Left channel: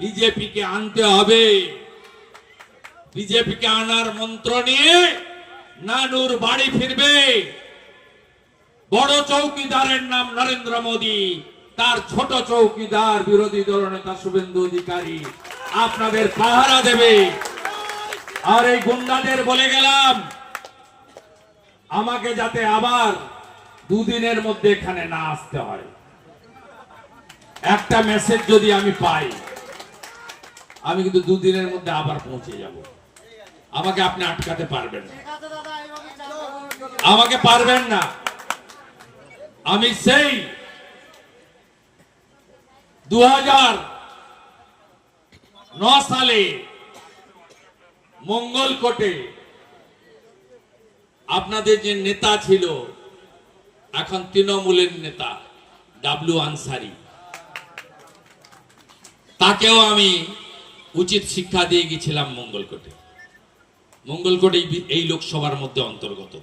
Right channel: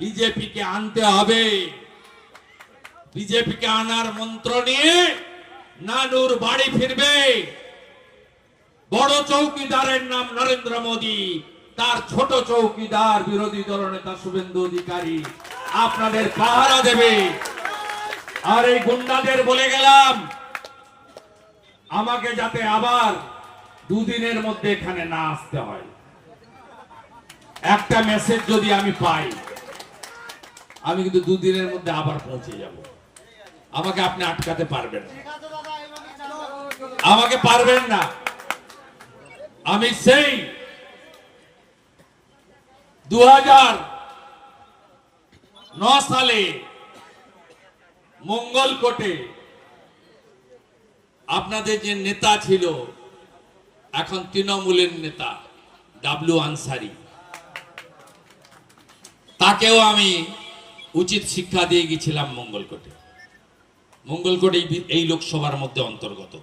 বিজেপিকে আনতে হবে। বিজেপিকে আনার মন্ত্র নিয়ে নানুর বাড়ি ফিরবে। বড় চৌকিদারের নাম নরেন্দ্র মোদী, তার ছোট চৌকিদার বিরোধী দলনেতা শুভেন্দু অধিকারী। আপনাদের পাহারা দেবে। আর এই গুন্ডাদের বলে গেলাম, আমাকে যাতে আবার দুদিনের মধ্যে এখানে না আসতে হয়। একটা মেসেজ যদি আমি পাই। আমি কিন্তু দুদিনের মধ্যে আবার পৌঁছে যাব। আমাকে আপনি আটকাতে পারবেন না। আমাকে পারবেন না। আমি সেই দু ন সালে মঙ্গলকোটে আপনাদের যে নেতা ছিল, এখন তৃণমূলের নেতা, ডাবলু আনসারি। তাকেও আমি উচিত শিক্ষা দিয়ে গেছিলাম মঙ্গলকোটে। মঙ্গলকোট এই এই লোকসভার মধ্যে অন্তর্গত।